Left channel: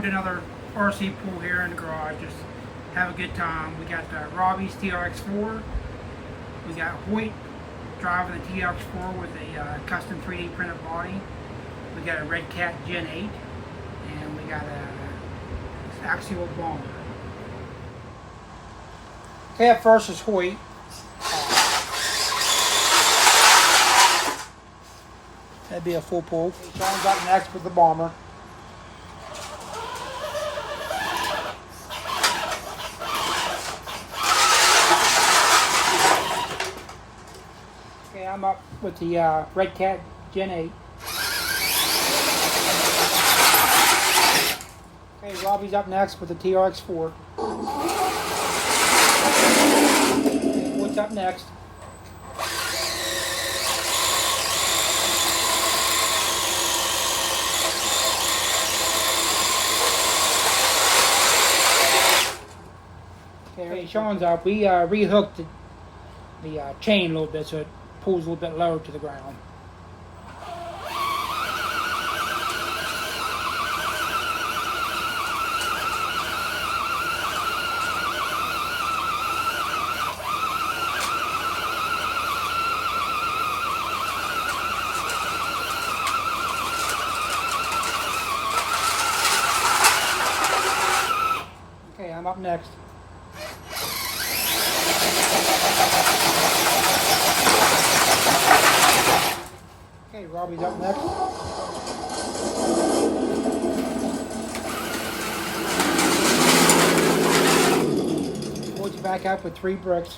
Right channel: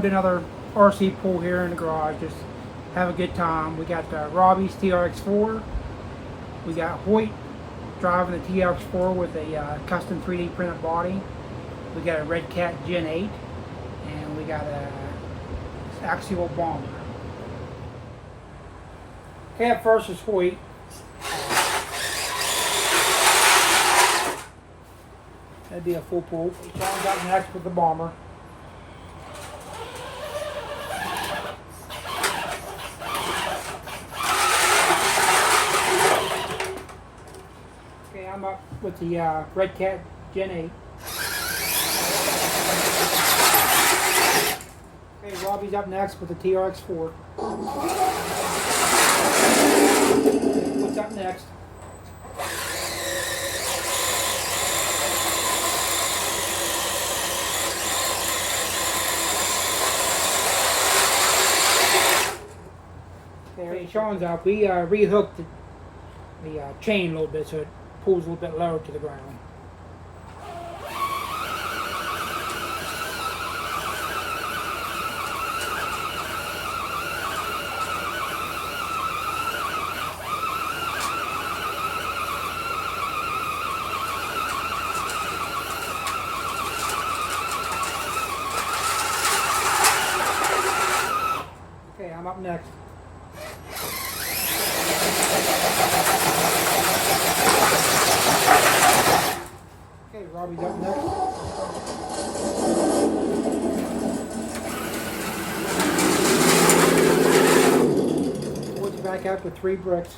going to another RC pool here in the garage. Just have a good time. We got Robbie's TRX4. We got Hoyt driving the TRX4 with a custom 3D printed body. We got a Red Cat Gen 8, and we got a axial bomber. Okay, up first is Hoyt. That'd be a full pull. Sean's got next with the bomber. Okay, I'm up with the Red Cat Gen 8. Okay, Robbie's up next with the TRX4. What's up next? Okay, Sean's up. We rehooked the chain a little bit so it pulls a little bit lower to the ground. Okay, I'm up next. Okay, Robbie's up next. Let's back up with 3 bricks.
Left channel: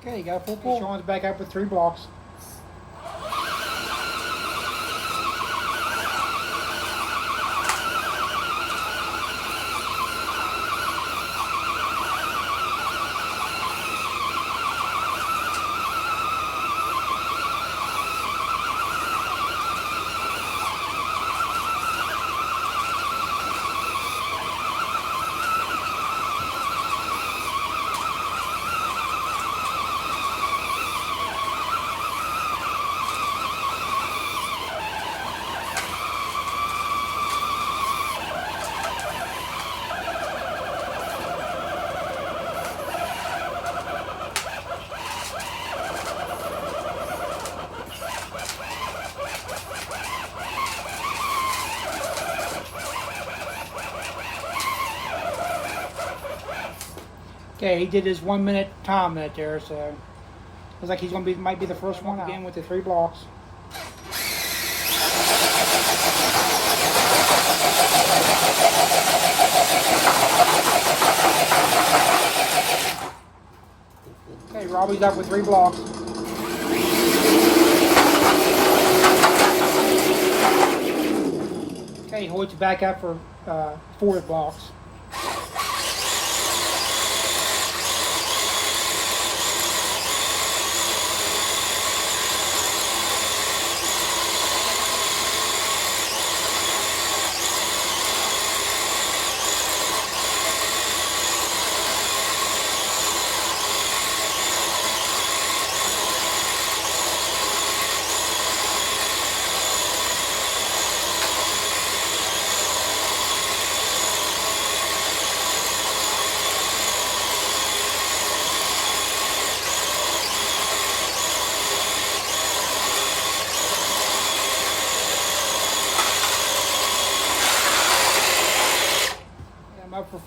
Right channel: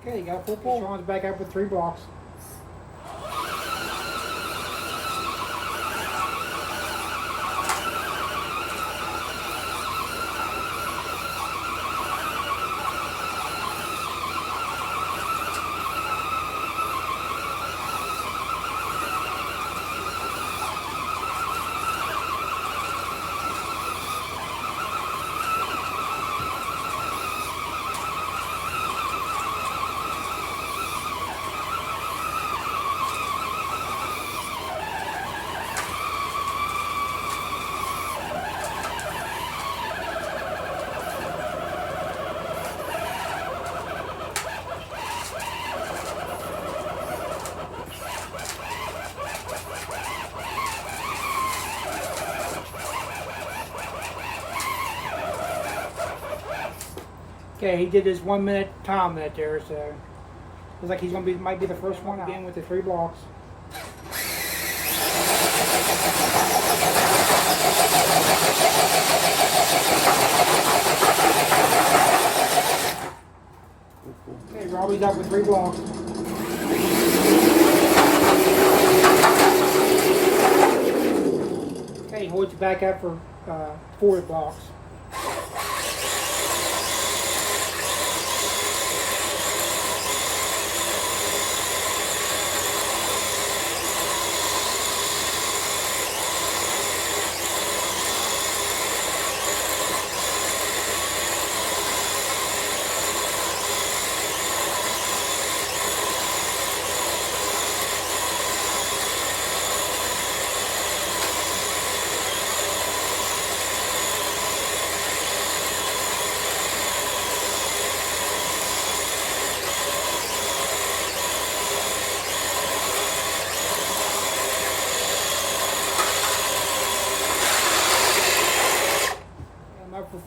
Okay, you got a full pull. Sean's back up with 3 blocks. Okay, he did his 1 minute time that there, so looks like he's gonna might be the first one again with the 3 blocks. Okay, Robbie's up with 3 blocks. Okay, Hoyt's back up for 4 blocks.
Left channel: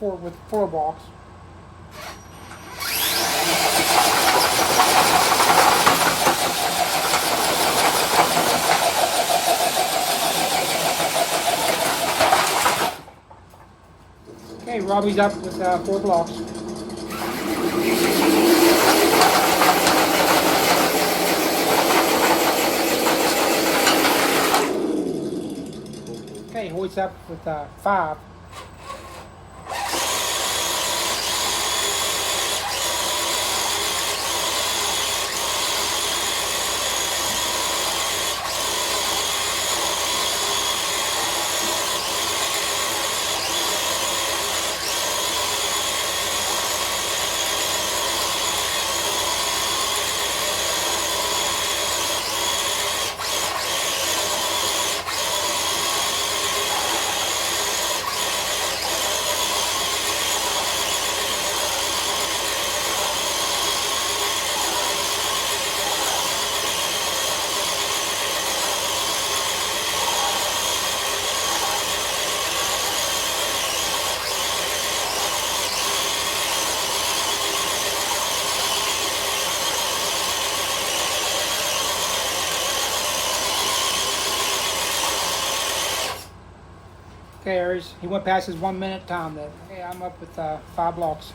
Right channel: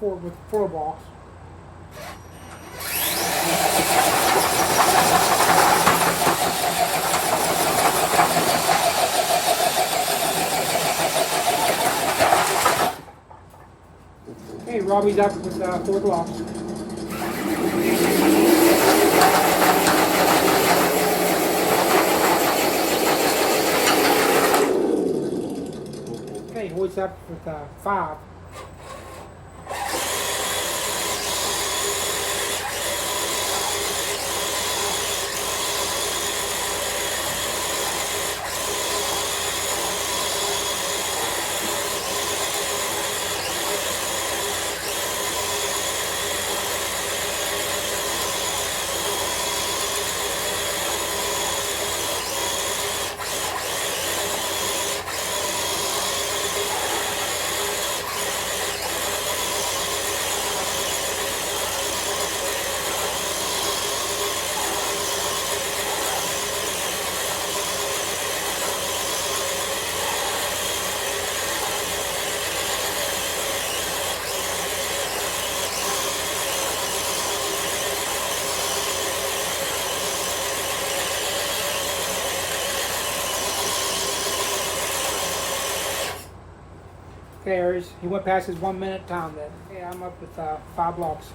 With 4 blocks. Okay, Robbie's up with 4 blocks. Hoyt's up with 5. Okay, Aries, he went past his 1 minute time then. Okay, I'm up with 5 blocks.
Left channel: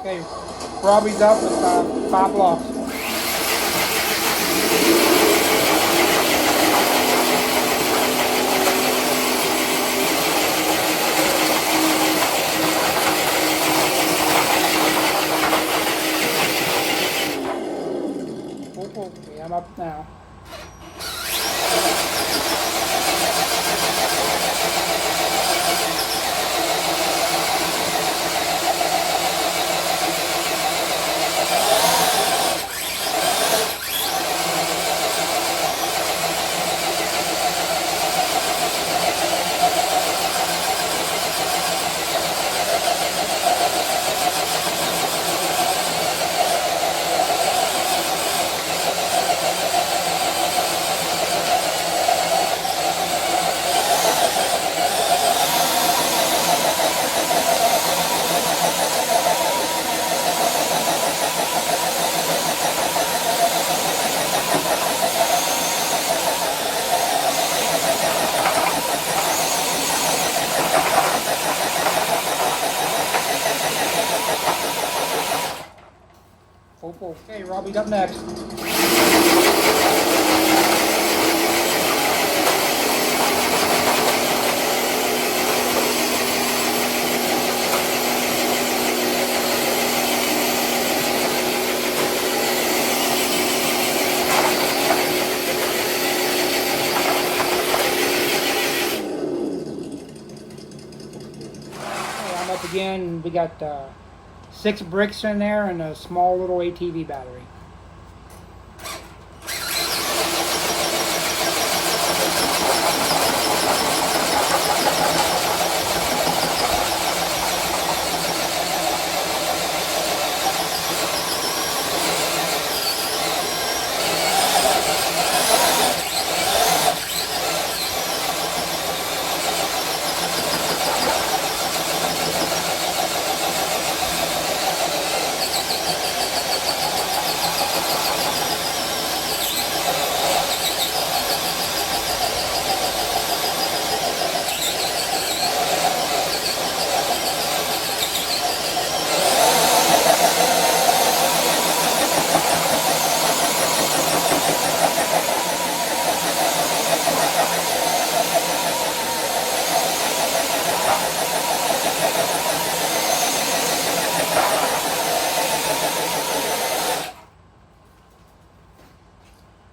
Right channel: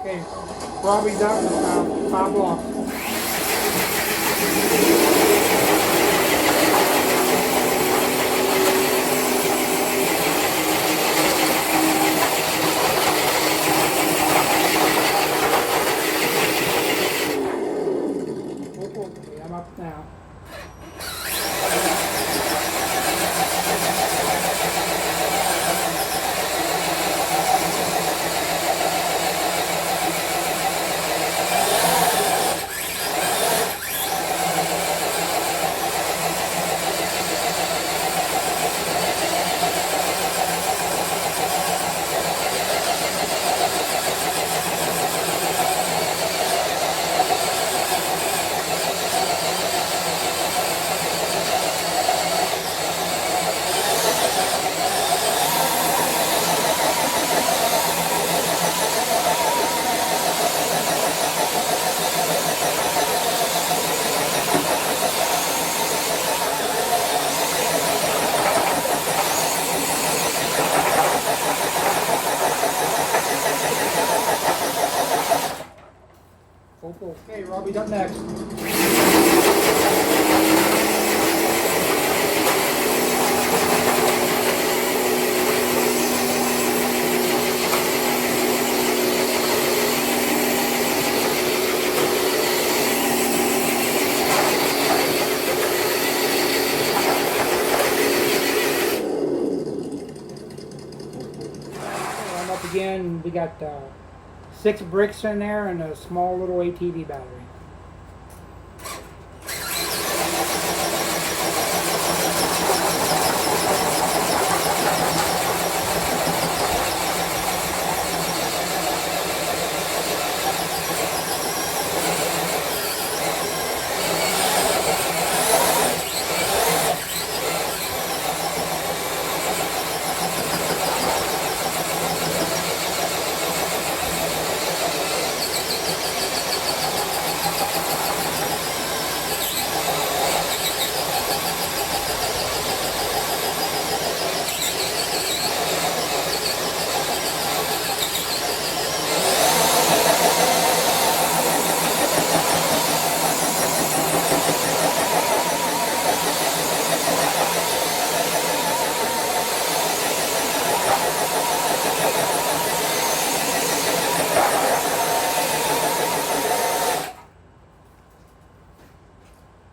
Okay, Robbie's up with 5 blocks. Okay, I'm up now. Okay, Robbie's up next. I'm up again. We got 6 bricks in there and a small little ATV battery.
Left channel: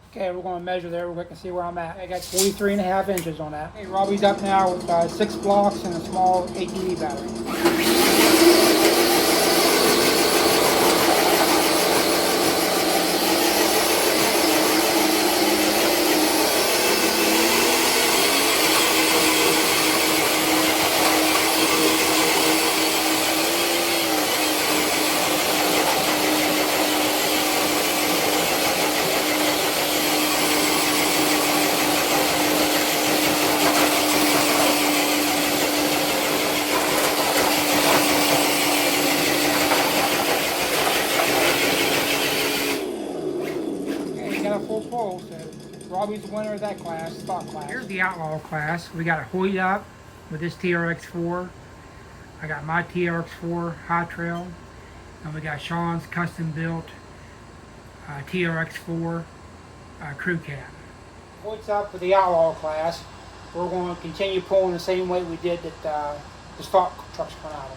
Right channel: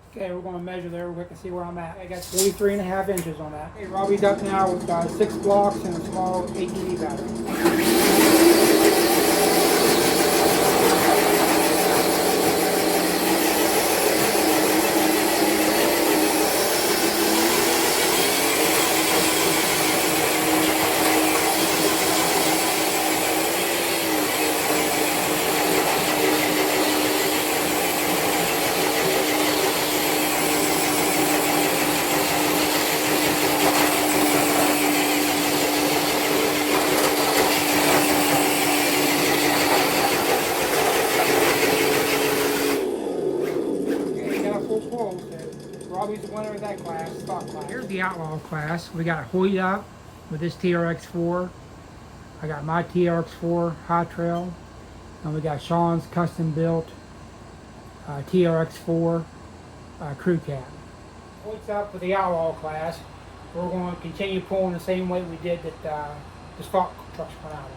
Okay, we're going to measure there. We can see where I'm at. I got 43.5 inches on that. Okay, Robbie's up now with 6 blocks and a small ATV battery. Outlaw class. We got Hoyt up with this TRX4. I got my TRX4 High Trail, and we got Sean's custom built TRX4 crew cab. What's up with the Outlaw class? We're going to continue pulling the same weight we did that the stock trucks come out of.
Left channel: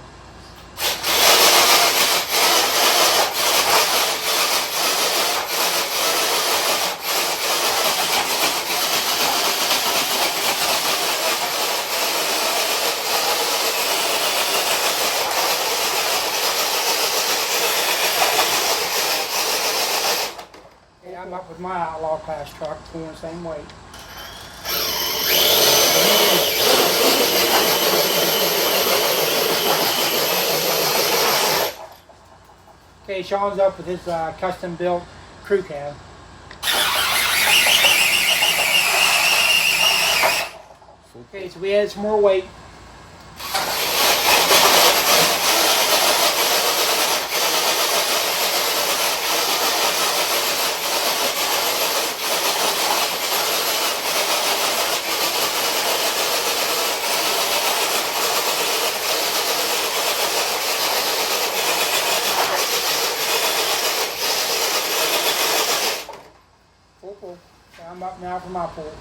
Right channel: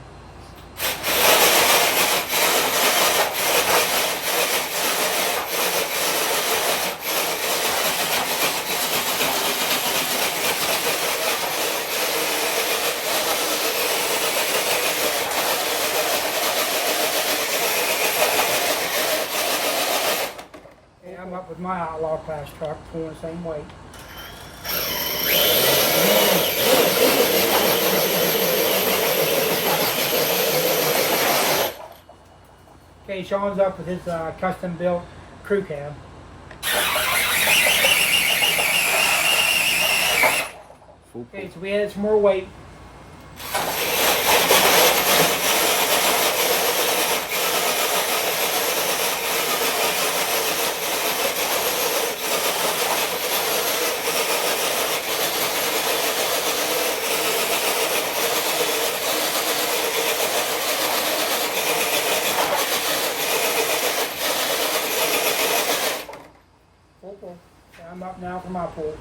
I'm up with my Outlaw class truck, pulling the same weight. Okay, Sean's up with his custom built crew cab. Okay, so we added some more weight. I'm up now for my pull.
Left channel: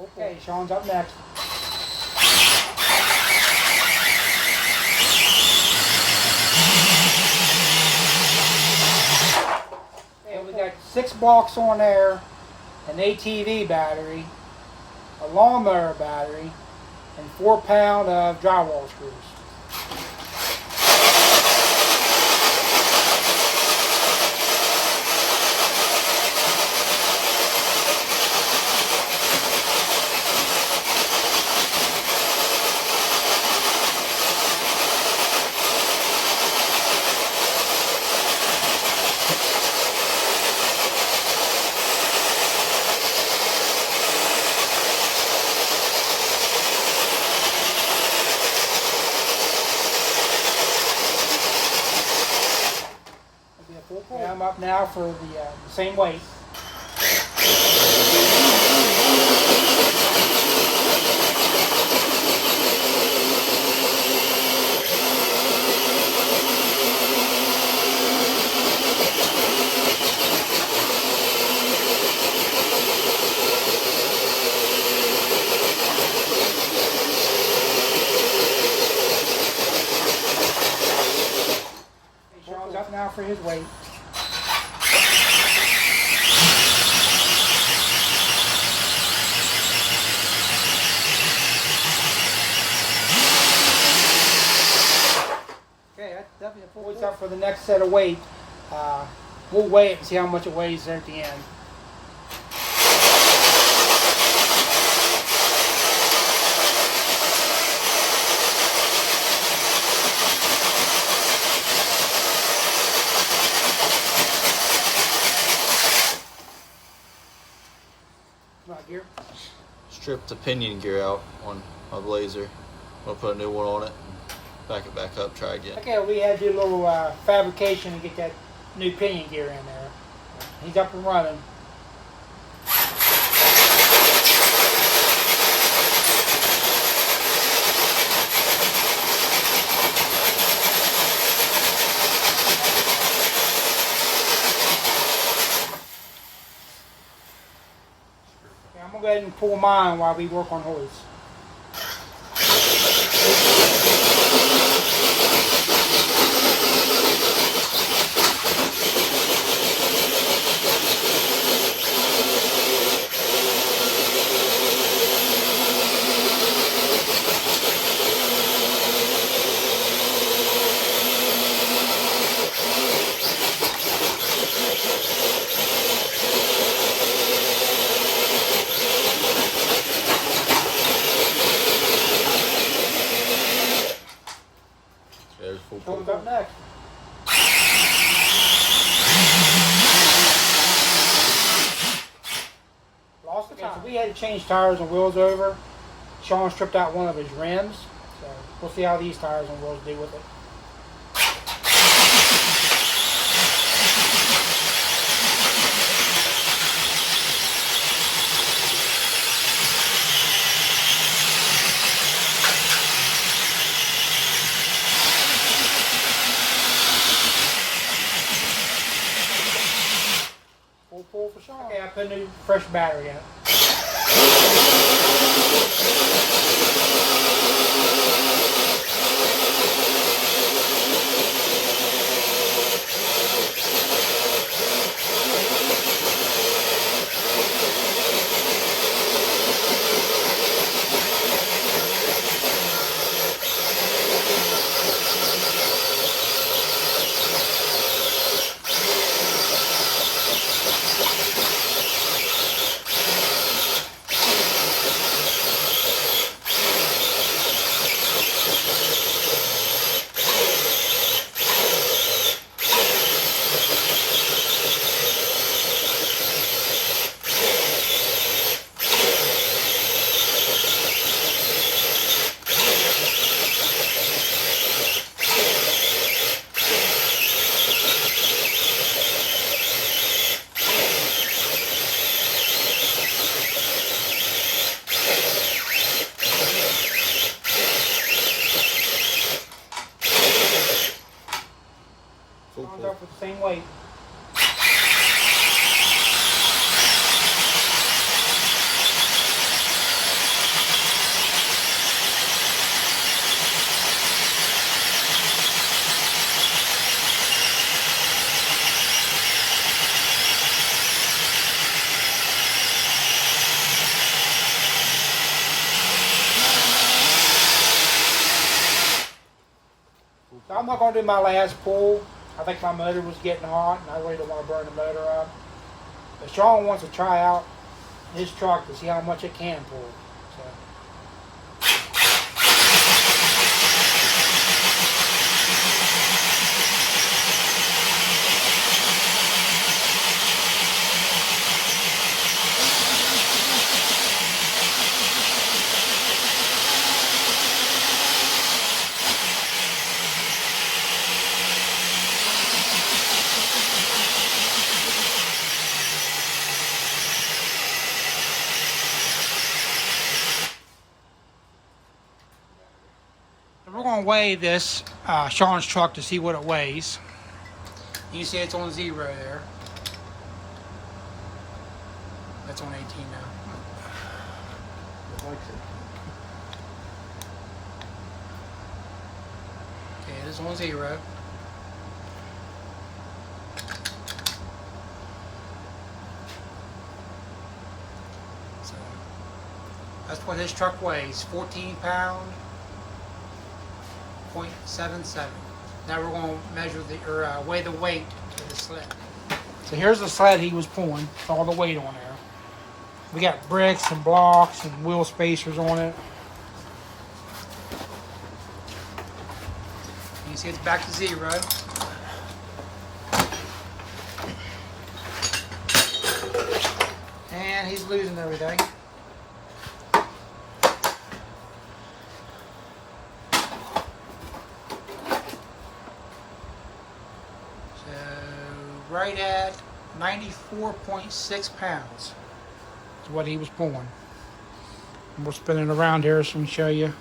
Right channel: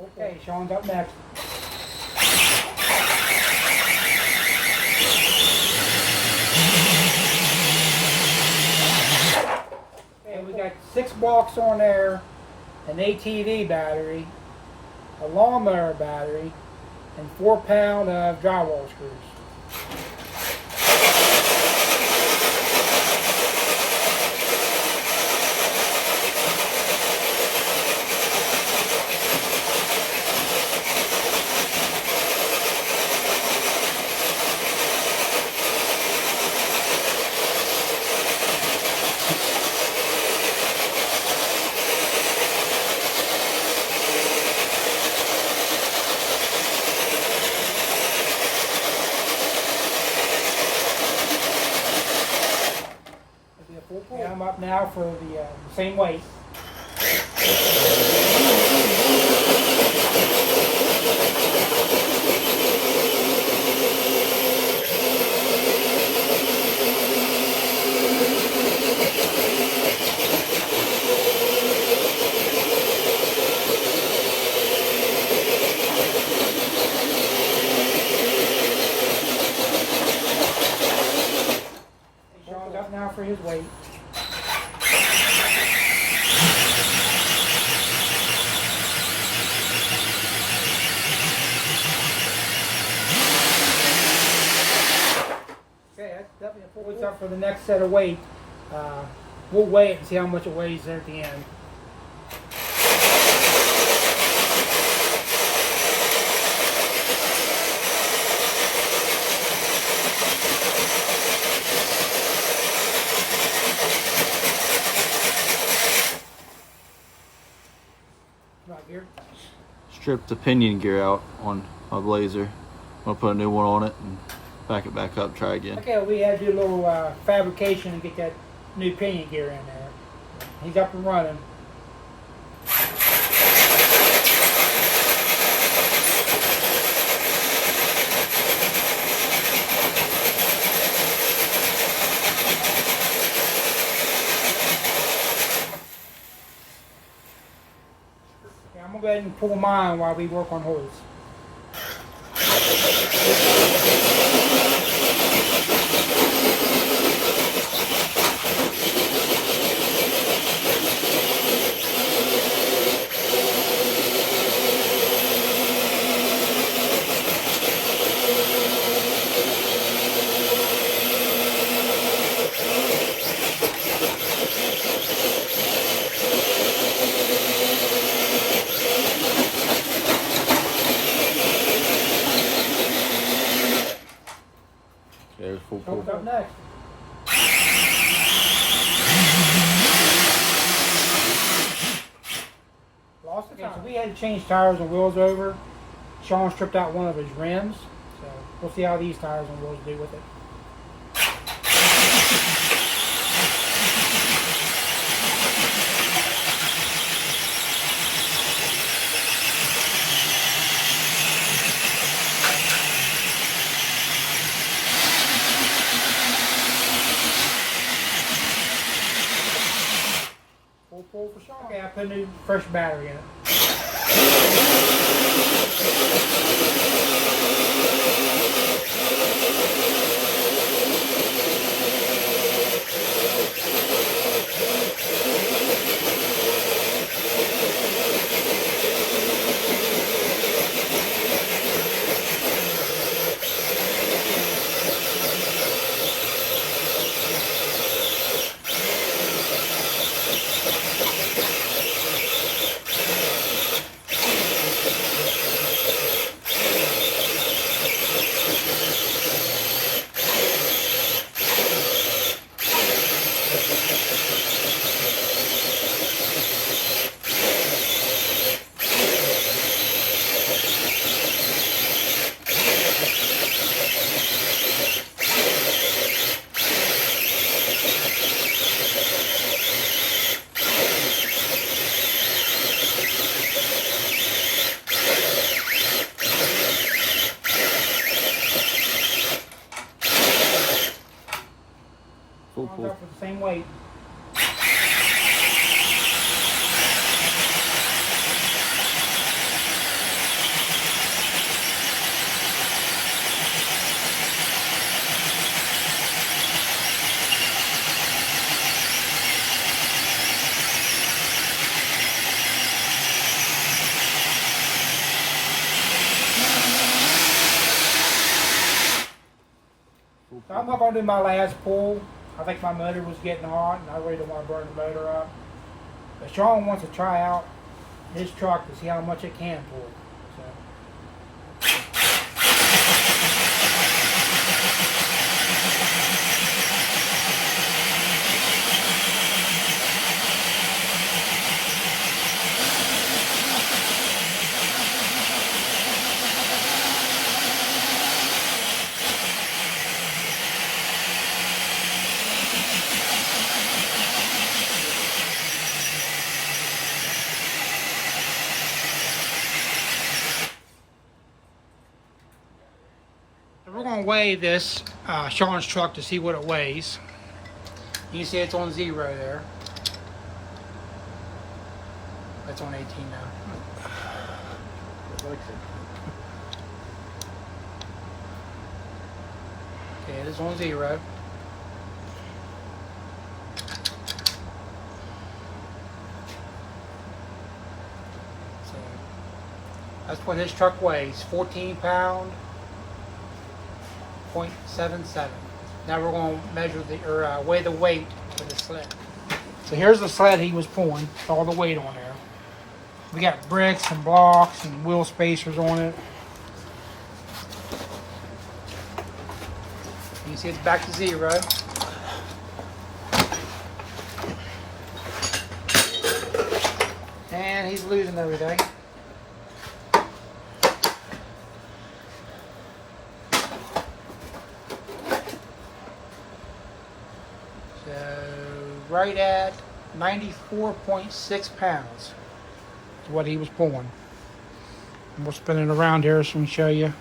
Okay, Sean's up next. Okay, we got 6 blocks on there, an ATV battery, a lawnmower battery, and 4 pounds of drywall screws. And I'm up now for the same weight. Sean's up now for his weight. Okay, that's definitely a full. What's up for the next set of weight? We'll weigh it and see how much it weighs at the end. Gear. Stripped the pinion gear out on my Blazer. I'm gonna put a new one on it and back it back up, try again. Okay, we had to do a little fabrication to get that new pinion gear in there. He's up and running. I'm going to go ahead and pull mine while we work on hers. Who's up next? Lost the tire. So we had to change tires and wheels over. Sean stripped out one of his rims, so we'll see how these tires and wheels do with it. Full pull for Sean. Okay, I put a new fresh battery in it. Full pull. Up with the same weight. So I'm not going to do my last pull. I think my motor was getting hot, and I really don't want to burn the motor out. But Sean wants to try out his truck to see how much it can pull. So. We're going to weigh this Sean's truck to see what it weighs. You can see it's on 0 there. It's on 18 now. Okay, it is on 0. So that's what his truck weighs, 14 pound. 0.77. Now we're going to measure weigh the weight of the sled. So here's the sled he was pulling, with all the weight on there. We got bricks and blocks and wheel spacers on it. You can see it's back to 0. And he's losing everything. Right at 94.6 pounds is what he was pulling. And we'll spin it around here so we can show you.